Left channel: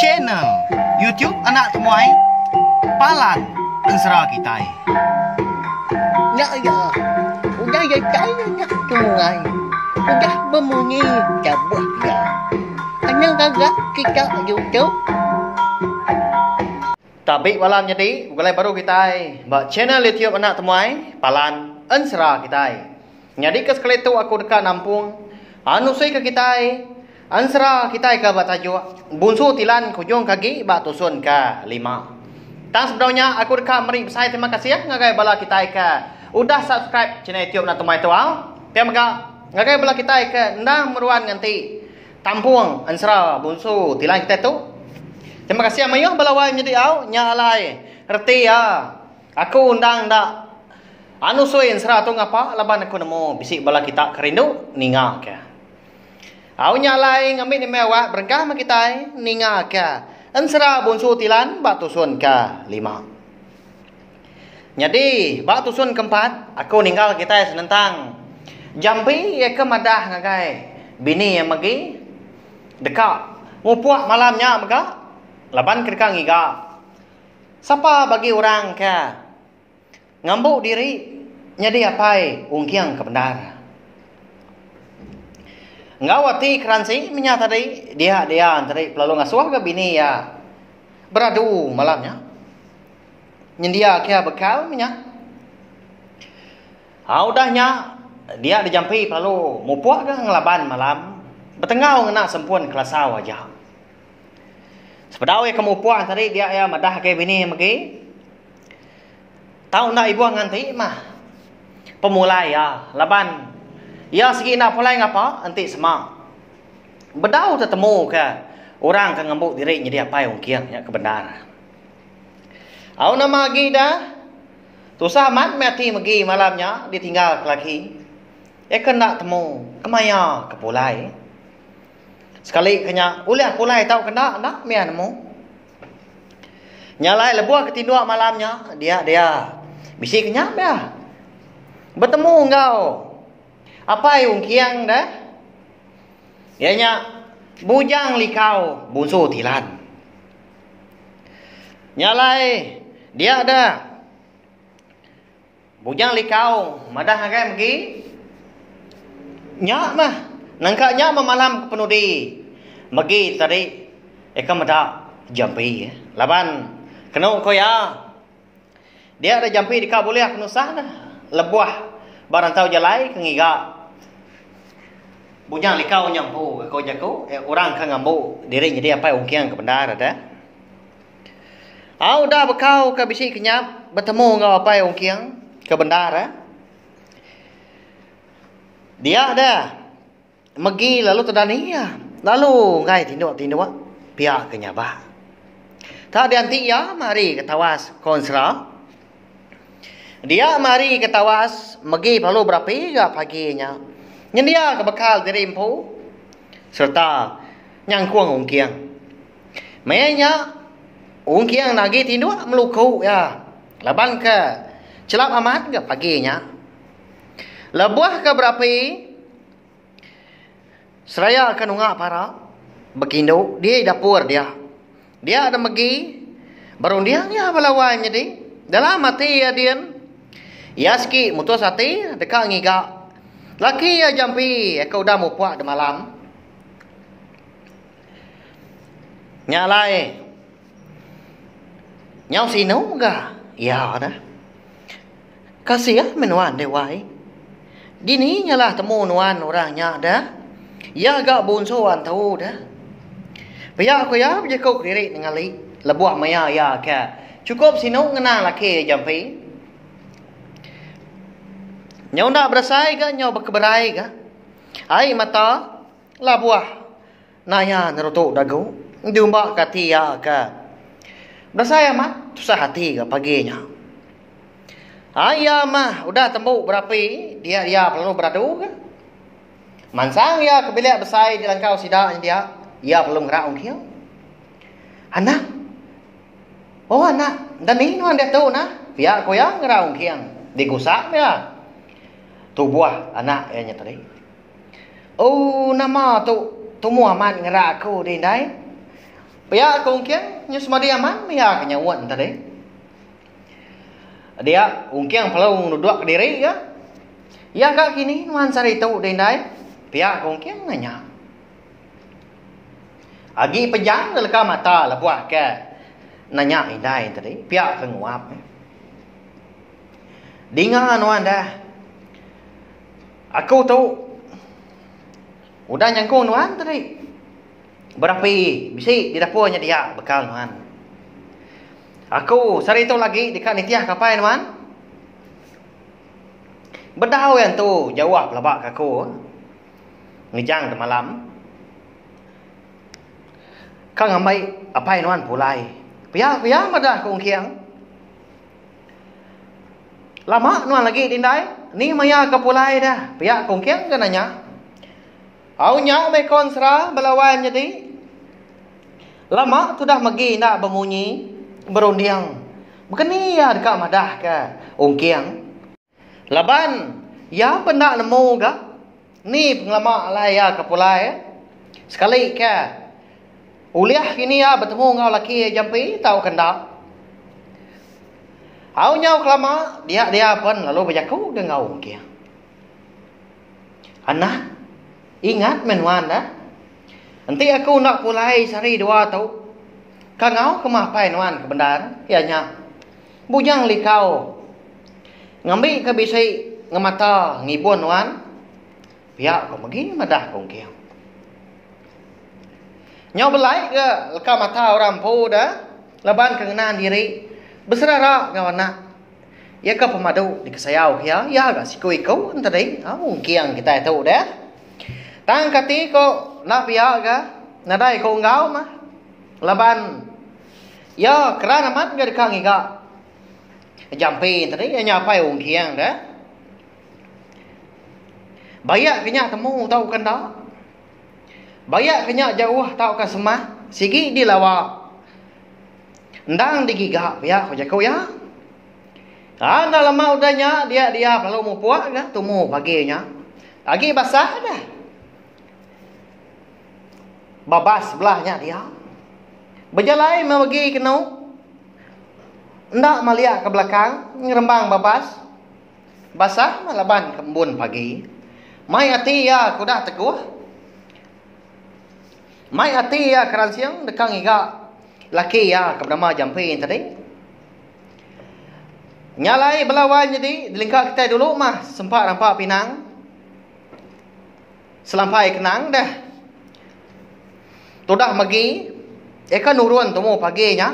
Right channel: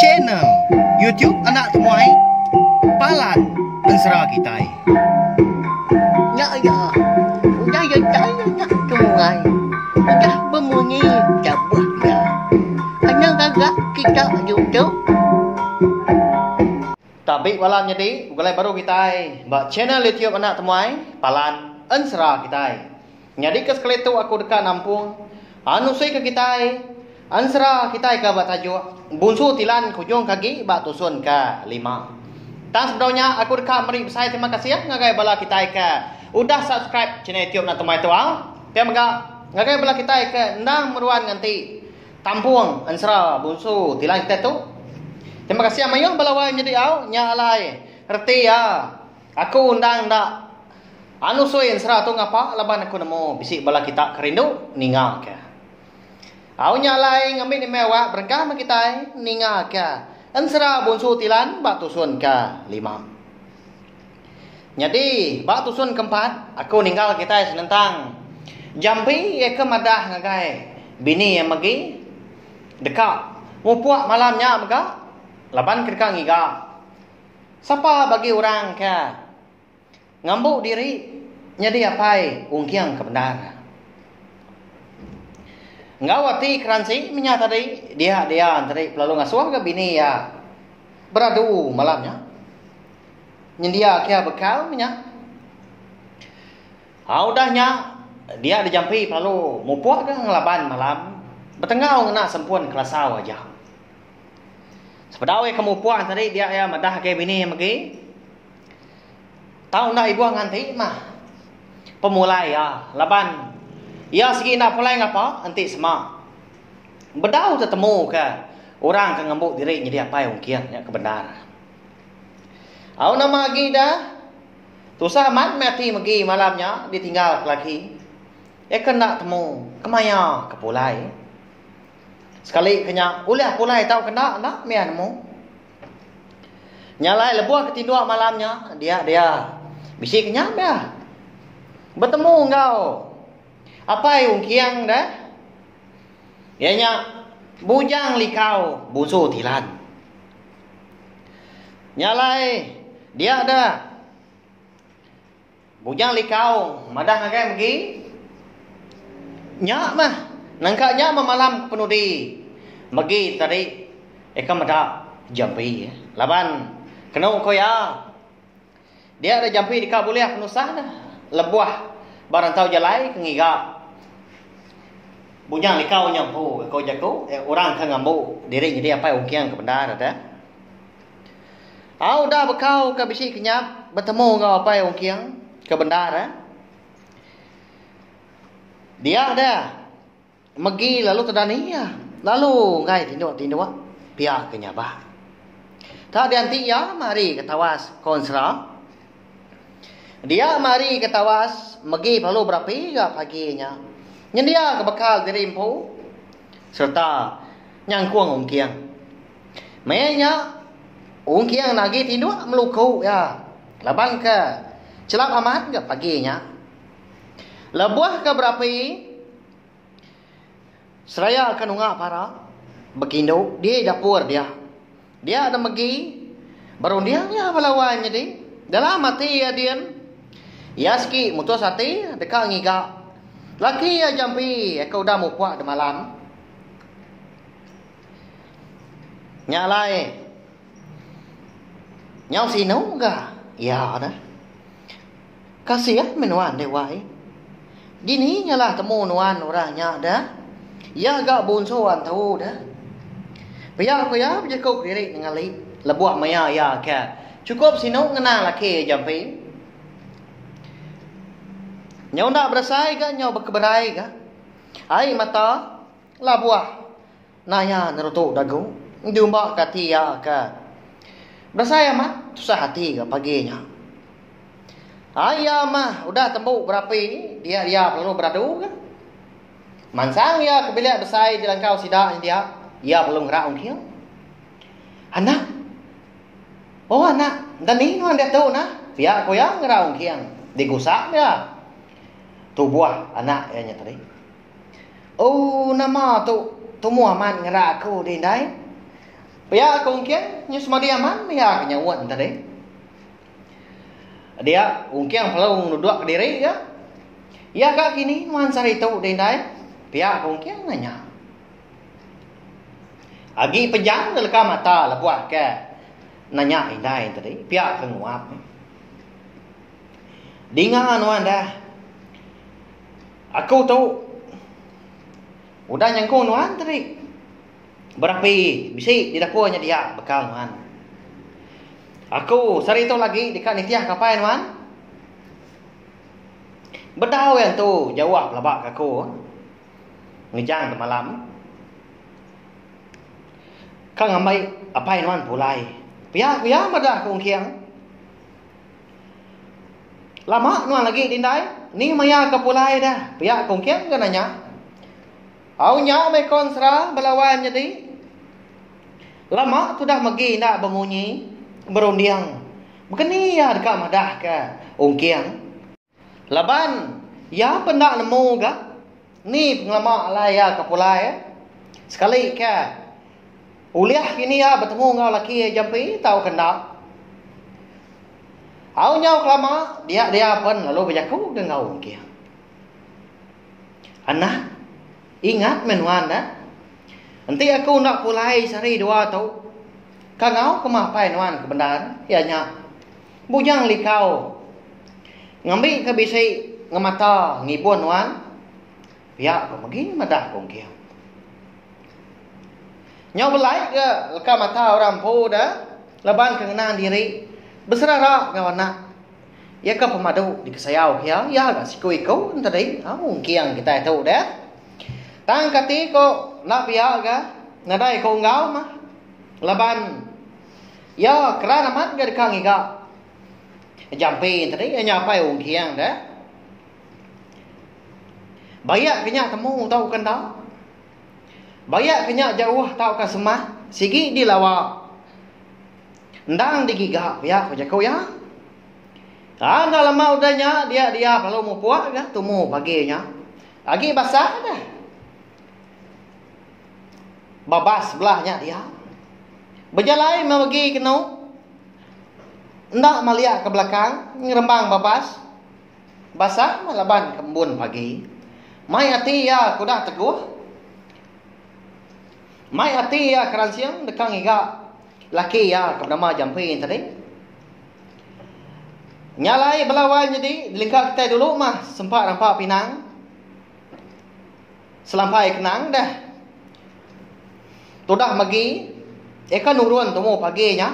channel YouTube anak temuai Palan Ensra Kitai. Nak ya, udah ya saya nak tungai, udah bemunyi cabut ya. Kenang agak kita YouTube. Tapi malam jadi, mulai baru kita buat channel YouTube anak temuai Palan Ensra Kitai. Jadi ke sekali tu aku dekat Nampung, anu saya ke kita Ansra kita ke buat tajuk bunsu tilan kujung kaki bak tusun ke 5. Tang sebenarnya aku dekat meri saya terima kasih ngagai bala kita ke udah subscribe channel YouTube nak temai tuang. Terima kasih ngagai bala kita ke ndang meruan nganti Tampung Ansra bunsu tilan kita tu. Terima kasih amayong bala wai menjadi au nyalai reti ya. Aku undang ndak anu soy Ansra tu ngapa laban aku nemu bisik bala kita kerindu ninga ke. Au nyalai ngambil ni mewah berengkah ma kita ninga ka Ansra bunsu tilan bak tusun ka 5. Jadi bak tusun keempat aku ninggal kita senentang jampi ya ke madah ngagai bini yang magi dekat ngupuak malamnya maka laban kedekang iga siapa bagi orang ka ngambuk diri nyadi apai ungkiang kebenar. Ngawati keransi menyata tadi dia tadi pelalu ngasuh ke bini ya beradu malamnya nyendia kia bekal minyak udahnya dia dijampi pelalu mupuak ke ngelaban malam betengau ngena sempun kelasau aja sepedawe kemupuak tadi dia ya madah ke bini magi tahu nak ibu nganti mah pemulai ya laban ya segi nak pulai ngapa anti semak bedau tetemu ke orang ke ngambuk diri jadi apa yang kian ya kebenaran au nama lagi dah susah mat mati magi malamnya ditinggal laki kena temu kemaya ke pulai sekali kenya ulah pulai tahu kena nak mianmu nyalai lebuah ketindua malamnya dia bisi kenya dah bertemu engkau apa yang kiang dah? Ianya bujang likau bunsu tilan. Nyalai dia ada bujang likau madah ngagai magi. Nyak mah nangkanya malam penudi. Magi tadi eka madah jampi laban kena ko ya. Dia ada jampi di kabuliah kenusah dah. Lebuah barang tahu jalai kengiga bujang likau nyampu kau jago orang kan ngambu diri jadi apa ungkiang ke benar ada dah bekau ke bisi kenyap bertemu ngau apa ungkiang ke benar dia ada megi lalu tedani ya lalu ngai tinduk pihak kenyabah tak dianti ya mari ketawas konsra dia mari ketawas megi perlu berapa paginya nyendia ke bekal diri empu serta nyangkuang ungkiang mayanya ungkiang nagi tindu meluku ya laban ke celap amat ke paginya lebuah ke berapa seraya akan ungak para bekindo dia dapur dia ada megi baru dia ya balawai jadi dalam mati ya dia yaski mutus hati dekat ngiga laki ya jampi aku udah mau puak di malam nyalai nyau sinu enggak ya dah kasih ya menuan dewai dini nyalah temu nuan orangnya dah ya agak bunsuan tahu dah biar aku ya berjekuk diri dengan li lebuah maya ya ke cukup sinu ngena laki jampi nyau nak berasai ke nyau berkeberai ke ai mata labuah naya nerutuk dagu jumpa katia ke berasai amat susah hati ke paginya ayah mah udah tembuk berapa dia perlu beradu ke mansang ya ke bilik bersai di langkau sidak dia perlu ngerak ungkiang anak dan ini nuan dia tu nah biar ko yang ngerak ungkiang digusak ya tu buah anak nya tadi nama tu Muhammad ngerak aku di dai Pia kongkiang nya semadiaman ya kenyawan tadi. Dia ungkiang kalau nuduk diri ya. Ya kak kini nuan sari tu dendai. Pia kongkiang nanya. Agi pejang leka mata lebuah ke nanya indai tadi. Pia penguap. Dengar nuan dah. Aku tahu. Udah nyangkung nuan tadi. Berapi bisi di dapurnya dia bekal nuan. Aku sari itu lagi dekat nitiah kapai nuan. Bedau yang tu jawab labak aku. Ngejang ke malam. Kang amai apai nuan pulai. Pia madah kong kiang. Lama nuan lagi tindai. Ni maya ke pulai dah. Pia kong kiang kan nanya. Au nya mai konsra belawan jadi. Lama tu dah magi nak bemunyi berundiang. Begini ya dekat madah ke ongkiang. Laban ya pendak nemu ke. Ni penglama alai ya ke pulai. Sekali ke uliah kini ya bertemu ngau laki jampi tahu kendak. Au nyau kelama dia pun lalu berjaku dengan ongkiang. Anak ingat menuan dah. Nanti aku nak pulai sehari dua tau. Kangau kemapai nuan kebenaran. Ianya. Bujang likau. Ngambil ke bisi ngemata ngibun nuan. Ya kau begini madah kongkiang. Nyau belai ke leka mata orang pu dah. Laban kengenaan diri. Berserara kawan nak. Ya ke pemadu di kesayau kia. Ya gak siku ikau. Tadi. Kongkiang kita tahu dah. Tang kati ko nak pihak ke nadai ko ngau mah laban ya kerana mat ga dekang iga jampi tadi nya pai ung kiang dah bayak kenya temu tau kan dah bayak kenya jauh tau ka semah sigi di lawa ndang digiga ya ko jakau ya ana lama udahnya dia perlu mu puak dah tumu paginya lagi basah dah. Babas sebelahnya dia. Berjalan membagi kenu. Ndak melihat ke belakang. Ngerembang babas. Basah malaban kembun pagi. Mai hati ya kuda teguh. Mai hati ya keran siang. Dekang iga. Laki ya kebernama jampi tadi. Nyalai belawan jadi. Dilingkar kita dulu mah. Sempat nampak pinang. Selampai kenang dah. Tudah magi, eka nurun temu paginya.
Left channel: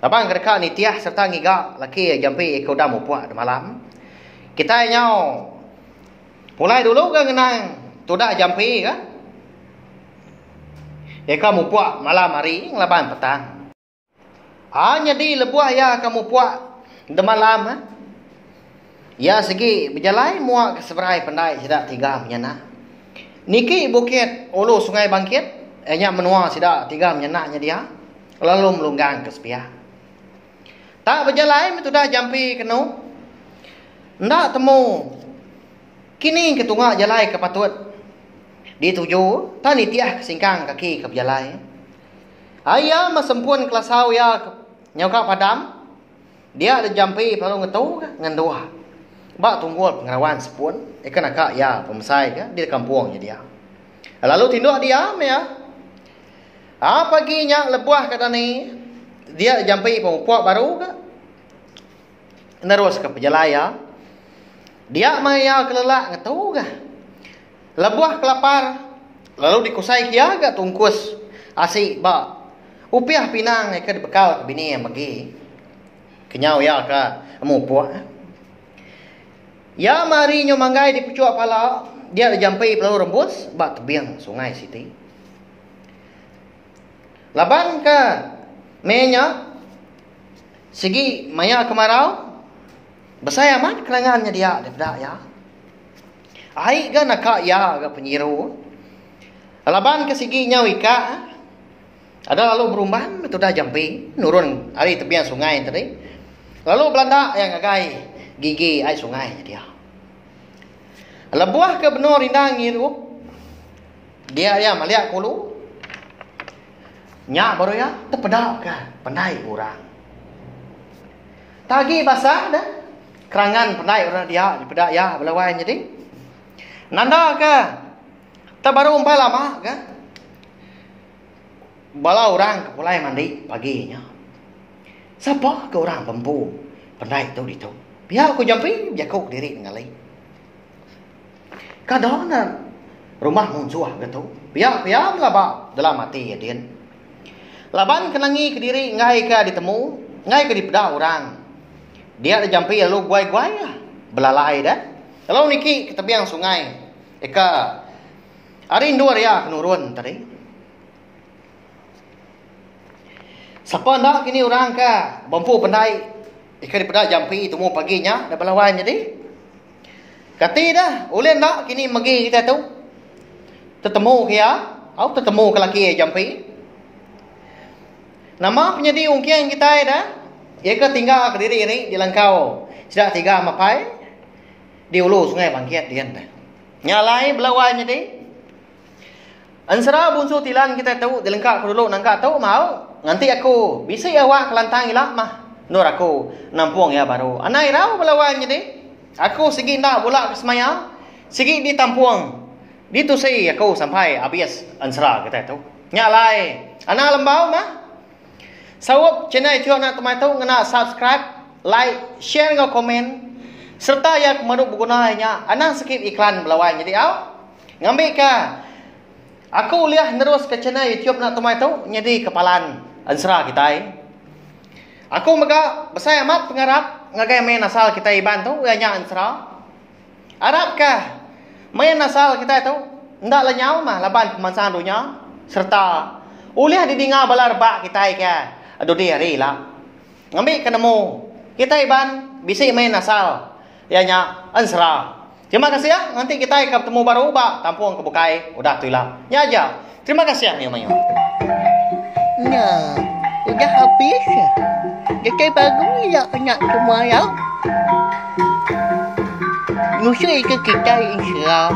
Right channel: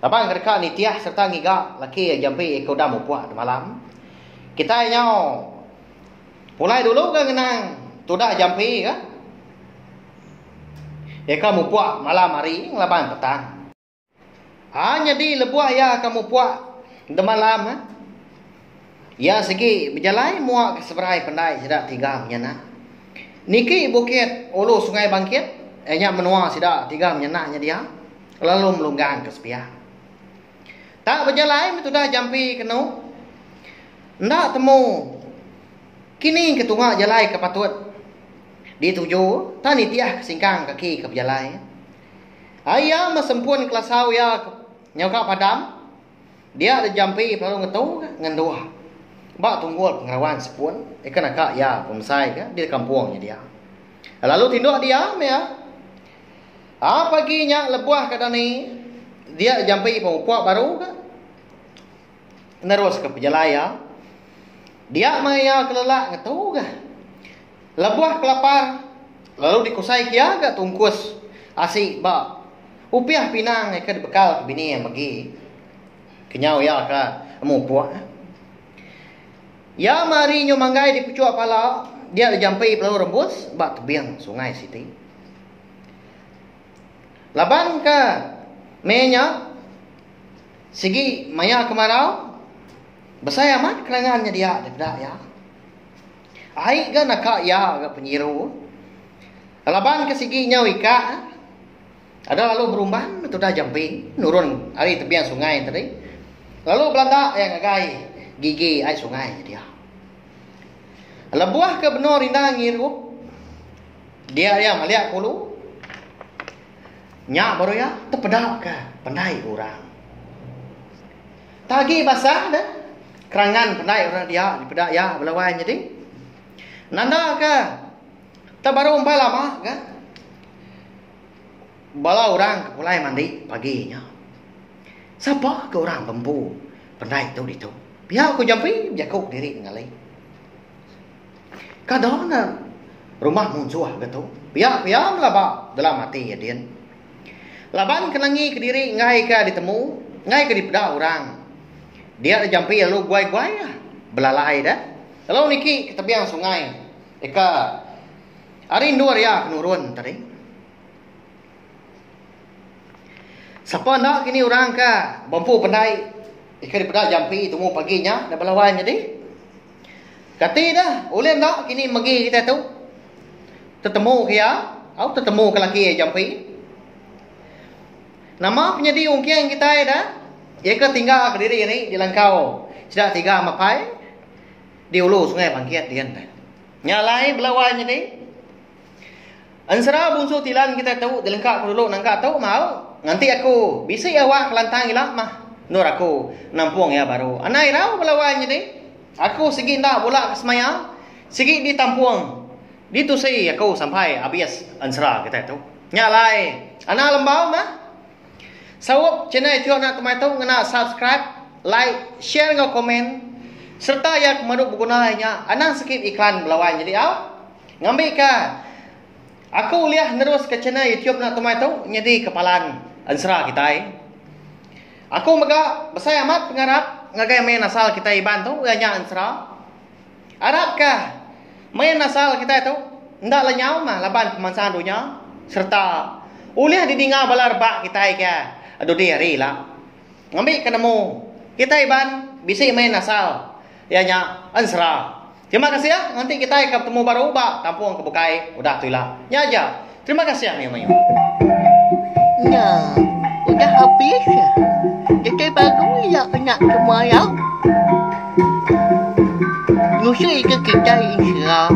Abang kerja nitiah serta ngiga laki jampi eka udah mau puak malam. Kita nyau pulai dulu kan ngenang tudah jampi kan. Eka mau puak malam hari ngelaban petang. Hanya di lebuah ya kamu puak de malam. Ya segi berjalan muak seberai pandai sedak tiga menyana. Niki bukit ulu sungai bangkit. Enya menua sida tiga menyenaknya dia. Lalu melunggang ke sepiah. Tak berjalan itu dah jampi kenu. Ndak temu. Kini ketungak jalai ke patut. Dituju. Tani tiah kesingkang kaki ke berjalai. Ayah mesempun kelasau ya nyokak padam. Dia ada jampi lalu ngetu ngendua. Bak tunggul pengarawan sepun. Ikan akak ya pemesai ke di kampungnya dia. Lalu tinduk dia ya. Paginya lebuah kata ni dia jampi pempuak baru ke nerus ke pejalaya dia maya kelelak ngetu ke lebuah kelapar lalu dikusai kia ke tungkus asik ba upiah pinang ke bekal ke bini yang bagi kenyau ya ke mupuak ya mari nyo manggai di pucuk pala dia jampi pelau rebus ba tebiang sungai siti. Laban ke menya segi maya kemarau besaya mat kerangannya dia dedak ya. Ai ga nak ya ga penyiru. Laban ke segi nyau ika ada lalu berumban itu dah jampi nurun hari tepian sungai tadi. Lalu Belanda yang ngagai gigi ai sungai dia. Lebuah ke benor rindang ngiru. Dia melihat kulu. Nyak baru ya, terpedak ke pandai orang. Tagi basah dah. Kerangan pandai orang dia, pedak ya belawan jadi. Nanda ke? Tak baru umpah lama ke? Bala orang ke pulai mandi paginya. Siapa ke orang pempu pandai tu di tu. Pihak aku jampi jakuk diri ngalai. Kadang rumah munsuah gitu. Pihak melaba dalam hati ya dia. Laban kenangi ke diri ngai ke ditemu, ngai ke dipedak orang. Dia ada jampi lalu guai-guai ya. Belalai dah. Lalu niki ke tepiang sungai. Eka arin dua ya kenurun tadi. Siapa nak kini orang ke bampu pandai. Eka dipedak jampi temu paginya dah belawan jadi. Kati dah, ulin nak kini magi kita tu. Tetemu kia, atau tetemu ke laki jampi. Nama penyedi ungkian kita dah. Eka tinggal ke diri ini di langkau. Tidak tiga mapai di ulu sungai Bangkit dia dah. Nyalai belawan jadi. Ansara bunsu tilan kita tahu di lengkap dulu nangka tahu mau. Nanti aku bisi awak kelantang ilak mah. Nur aku nampung ya baru. Anai rau belawan jadi. Aku segi nak bola ke semayang. Segi di tampuang. Di tu saya aku sampai habis ansara kita tahu. Nyalai. Anak lembau mah. Sawap channel itu nak temai tahu ngena subscribe, like, share ngau komen serta ya kemanuk bergunanya. Anang sikit iklan belawan jadi ngambil ke. Aku lihat terus ke channel YouTube nak temai tahu jadi kepalan ansara kita. Aku mega besar amat pengarap ngagai main asal kita iban tu nya ansara. Arab ke main asal kita tu ndak lenyau mah laban kemansan dunia serta uliah didinga balar bak kita ke. Aduh dia rela. Ngambil ketemu. Kita iban bisik main asal. Ianya ansara. Terima kasih ya. Nanti kita akan ketemu baru bak tampung kebukai. Udah tu lah. Ya aja. Terima kasih ya Mayu. Nah, udah habis ya. Kita bagus ya anak semua ya. Musuh itu kita insya